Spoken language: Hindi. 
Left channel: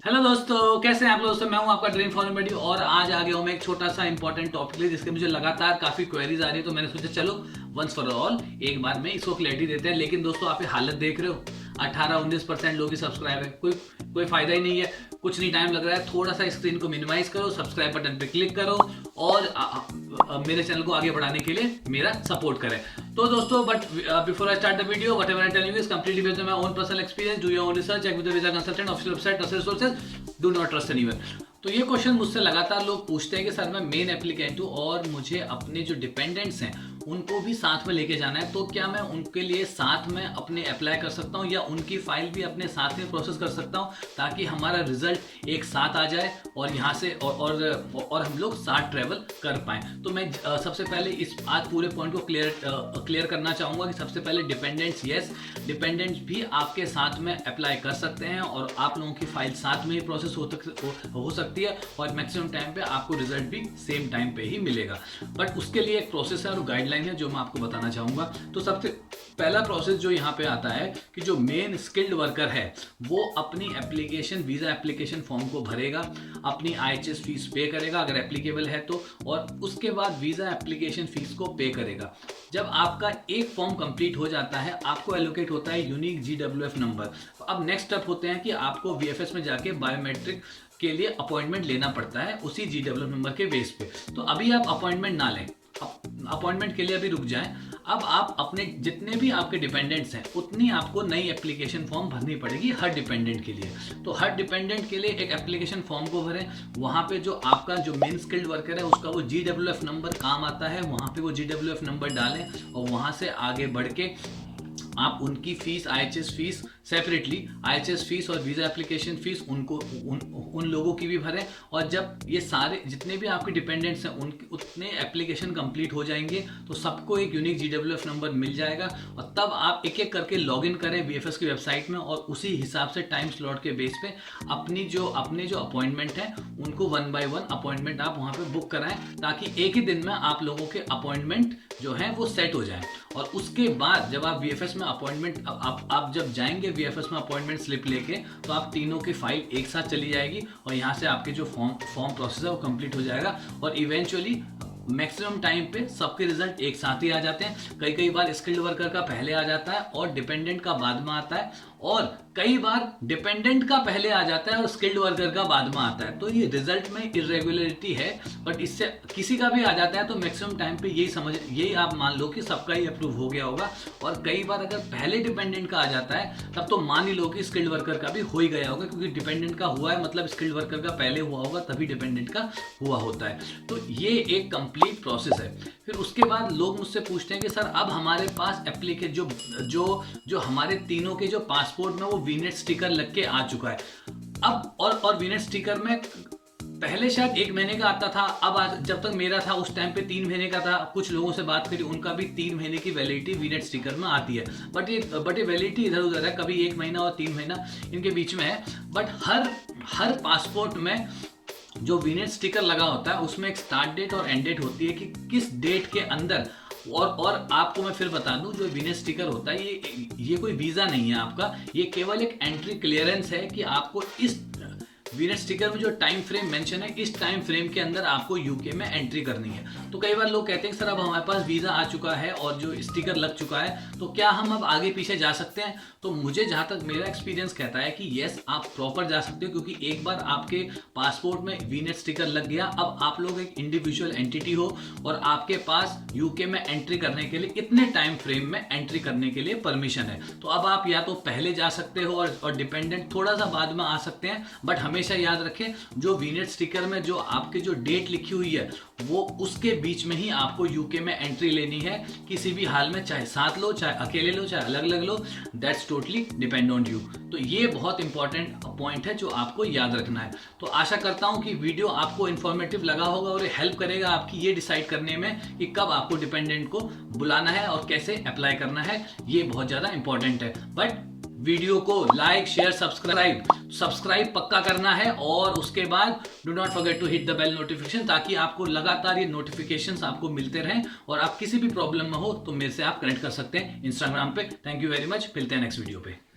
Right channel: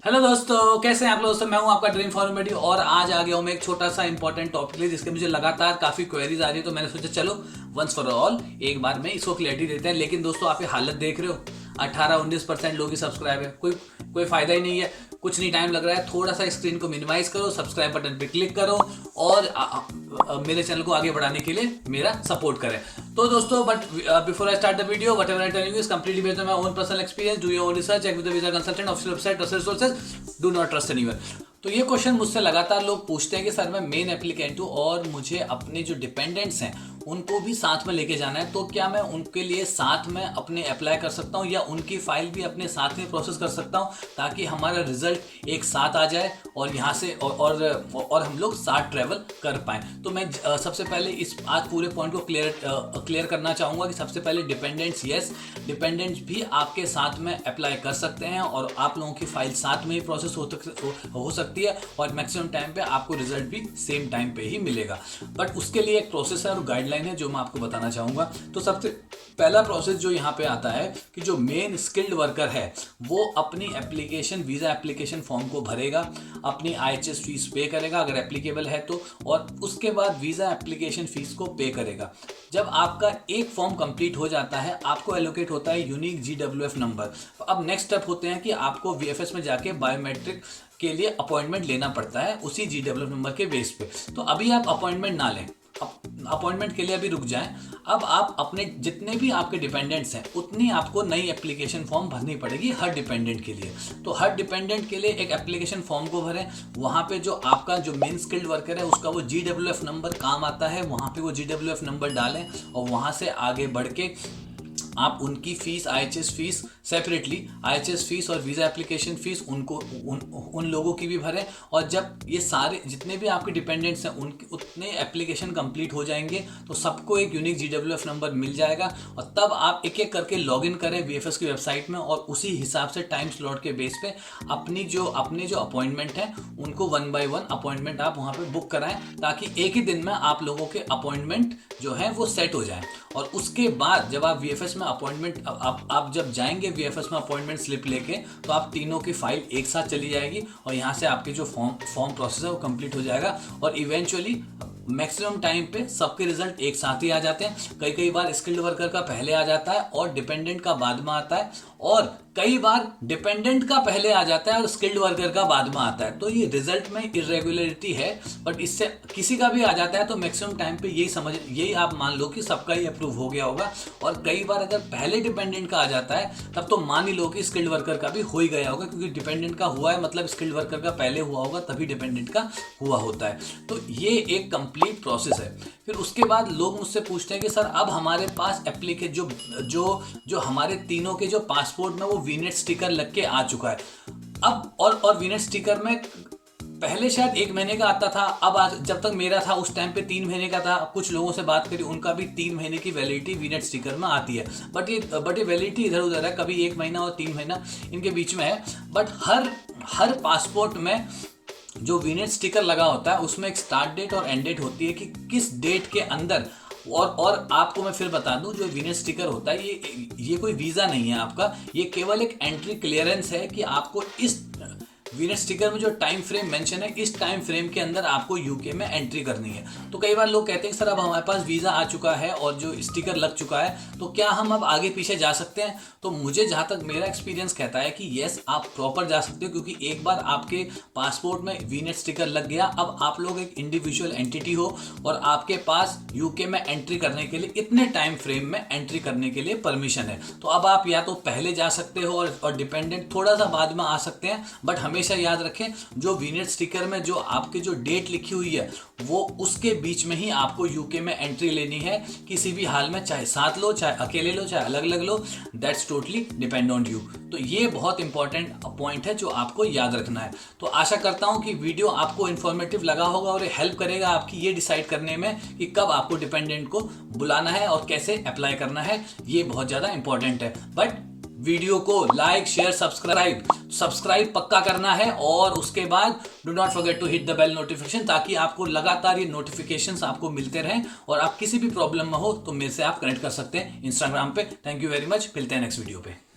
हेलो दोस्तों, कैसे हैं आप लोग। दोस्तों मैं हूं आपका ड्रीम फॉर्म मेडी और आज आ गया हूं मैं एक छोटा सा इंपॉर्टेंट टॉपिक लिए जिसके मुझे लगातार काफ़ी क्वेरीज आ रही है। तो मैंने सोचा चलो वंस फॉर ऑल एक बार में इसको क्लैरिटी देते हैं। लेकिन दोस्तों आप ये हालत देख रहे हो, 18-19% लोग ही सब्सक्राइब है, कोई कोई फायदा ही नहीं है, कुछ नहीं टाइम लग रहा है। थोड़ा सा स्क्रीन को मिनिमाइज करो, सब्सक्राइब बटन पे क्लिक करो और मेरे चैनल को आगे बढ़ाने के लिए मेरा सपोर्ट करें। तो दोस्तों but before I start the video, whatever I telling you is completely based on my own personal experience. Do your own research, check with the visa consultant, official website, trusted sources, do not trust anyone. तो ये क्वेश्चन मुझसे लगातार लोग पूछते हैं कि सर मैं मेन एप्लीकेंट हूँ और मुझे अपने जो डिपेंडेंट्स हैं उनको भी साथ में लेके जाना है, तो क्या मैं उनके लिए साथ में अपने अप्लाई कर सकता हूँ या उनकी फाइल भी अपने साथ में प्रोसेस कर सकता हूँ ताकि हमारा रिजल्ट एक साथ आ जाए और यहाँ से और हम लोग साथ ट्रैवल कर पाएँ। तो मैं सबसे पहले इस आज पूरे पॉइंट को क्लियर करना चाहूँगा कि सबसे पहले डिपेंडेंट्स, यस डिपेंडेंट्स भी आपके साथ में अप्लाई कर सकते हैं और आप लोगों की फाइल साथ में ही प्रोसेस हो सकती है और मैक्सिमम टाइम पे आपको रिजल्ट भी सेम टाइम पे ही मिलेगा। बट उसके लिए एक प्रोसेस है और गाइडलाइन है जो मैं आपको बताना चाहूँगा। तो सबसे पहला प्रोसेस जो यहाँ पे आता है कि जो मेन स्किल्ड वर्कर है वो अपनी एप्लीकेशन, वीज़ा एप्लीकेशन फॉर्म को भरेगा, अपनी IHS फीस पे करेगा अगर एप्लीकेबल है तो, और उसके बाद वीज़ा एप्लीकेशन फीस को पे करेगा। जब आपका एक फॉर्म कंप्लीट हो जाता है आपको एलोकेट होता है यूनिक GWF नंबर। अब नेक्स्ट स्टेप होते हैं कि आपको VFS में जाके बायोमेट्रिक के लिए अपॉइंटमेंट लेना पड़ता है उसी GWF नंबर के बेस पे। तो अभी आप अपॉइंटमेंट ना लें, अपॉइंटमेंट के लिए अभी रुक जाएं। अब आप अपने जितने भी आपके डिपेंडेंट्स हैं उतनी आपको नई एप्लीकेशन फॉर्म भरनी पड़ेगी हर डिपेंडेंट के लिए। तो हर डिपेंडेंट के लिए एक एप्लीकेशन फॉर्म को भरें, वहाँ पे जो आपका जो मेन स्किल्ड वर्कर है उसका वो GWF नंबर काम आता है, वहाँ पे वो GWF नंबर डालें और वहाँ से आगे बढ़ के आप उनकी fees, IHS fees separately, IHS fees और वीज़ा एप्लीकेशन फीस उनको उन लोगों की भी भरें। और जब ये सारे जितने भी आपके डिपेंडेंट्स हैं उनके उतने एप्लीकेशन कंप्लीट हो जाएंगे तो सबको एक यूनिक GWF नंबर मिल जाएगा और तब आप एक एक करके लॉगिन करें VFS की वेबसाइट में और उसी हिसाब से टाइम स्लॉट के बेस पे अपने जो अपॉइंटमेंट हैं उनको 1 बाय 1 अपॉइंटमेंट आप वहाँ पे बुक कराएं ताकि एक ही दिन में आप लोगों के अपॉइंटमेंट जो है वो सेट हो जाएं। और उसके बाद जब आप VFS में अपॉइंटमेंट आप जब जाएंगे VFS में अपॉइंटमेंट स्लिप लेके तो आप तीनों की फाइल एक साथ चली जाएगी और यहाँ से आपके जो फॉर्म प्रोसेस है वो कंप्लीट हो जाएगा और इवेंचुअली मैक्सिमम टाइम पे सबके रिजल्ट एक साथ ही आ जाते हैं। कई बार स्किल्ड वर्कर का पहले आ जाता है और डिपेंडेंट का बाद में आता है, और कई बार डिपेंडेंट का पहले आ जाता है और स्किल्ड वर्कर का बाद में आता है। तो ये रिजल्ट में इरेगुलरिटी है, बट इससे किसी का भी आ जाता है तो मैक्सिमम टाइम पे यही आप मान लो कि सबका ही अप्रूव हो गया होगा। और कई बार अगर पहले डिपेंडेंट का आ जाता है तब तो मान ही लो कि स्किल्ड वर्कर का भी हो ही गया होगा, क्योंकि डिपेंडेंट का हुआ है मतलब स्किल्ड वर्कर का पहले हुआ होगा तभी डिपेंडेंट का हुआ होता है। तो ये एक कंप्लीट प्रोसेस है। फिर उसके बाद लोग मुझसे पूछते हैं कि सर अब हमारे पास एप्लीकेशन जो हमारे तीनों के जो पासपोर्ट में वो वीनेट स्टिकर लग के आ चुका है अब, और वीनेट स्टिकर में पहले शायद 1 महीने का आता था, अब जब तक मेरा था उस टाइम पे 3 महीने का था। कुछ लोगों से बात करी उनका भी 3 महीने की वैलिडिटी वीनेट स्टिकर में आती है, बट ये वैलिडिटी इधर उधर है, कभी 1 महीना और 3 महीना इनके बीच में है। बट हर पासपोर्ट में जो वीनेट स्टिकर लगा होता है उसमें एक स्टार्ट डेट और एंड डेट होती है कि किस डेट के अंदर। और आपको मैं फिर बता दूं जो वीनेट स्टिकर होता है ये कोई वीज़ा नहीं है आपका, ये केवल एक एंट्री क्लियरेंस है कि आपको इस वीनेट स्टिकर में जो टाइम फ्रेम मेंशन है इस टाइम फ्रेम के अंदर आपको यूके में एंट्री करनी है। तो कई बार लोग कहते हैं सर अब हमारे पास वीज़ा आ चुका है और जो स्टिकर लग चुका है तो क्या हम अब आगे पीछे जा सकते हैं। तो मुझे जहाँ तक मेरा एक्सपीरियंस कहता है कि येस आप प्रॉपर जा सकते हो, क्योंकि एक बार आपके पासपोर्ट में वीनेट स्टिकर लग गया, अब आप लोग एक इंडिविजुअल एंटिटी हो और आपके पास यूके में एंट्री करने के लिए इतने टाइम फ्रेम में एंट्री करने के लिए परमिशन है। तो अब आप या तो पहले जा सकते हो और डिपेंडेंट थोड़ा सा बाद में आ सकते हैं, बट हमेशा याद रखें जो वीनेट स्टिकर में जो आपकी जो डेट लिखी हुई है वो उसके बीच में ही आपको यूके में एंट्री लेनी है किसी भी हाल में, चाहे साथ लो, चाहे अकेले लो, चाहे अलग अलग लो, that's totally depend on you. तो ये बहुत इंपॉर्टेंट पॉइंट है जो आपको याद रखना है। तो आशा करता हूं कि वीडियो आपको इन्फॉर्मेटिव लगा होगा और हेल्प करेगा आपकी ये डिसाइड करने में कि कब आपको डिपेंडेंट को बुलाना है और कैसे अप्लाई करना है। ये बहुत ज़्यादा इंपॉर्टेंट है। बट वीडियो को लाइक, शेयर, सब्सक्राइब पक्का करना है और उसके बाद do not forget to hit the bell notification, ताकि आपको लगातार ये नोटिफिकेशंस आपको मिलते रहें और आप किसी भी प्रॉब्लम में हो तो मेरे से आप कनेक्ट कर सकते हैं इंस्टाग्राम पे। थैंक यू वेरी मच, मिलते हैं नेक्स्ट वीडियो पे।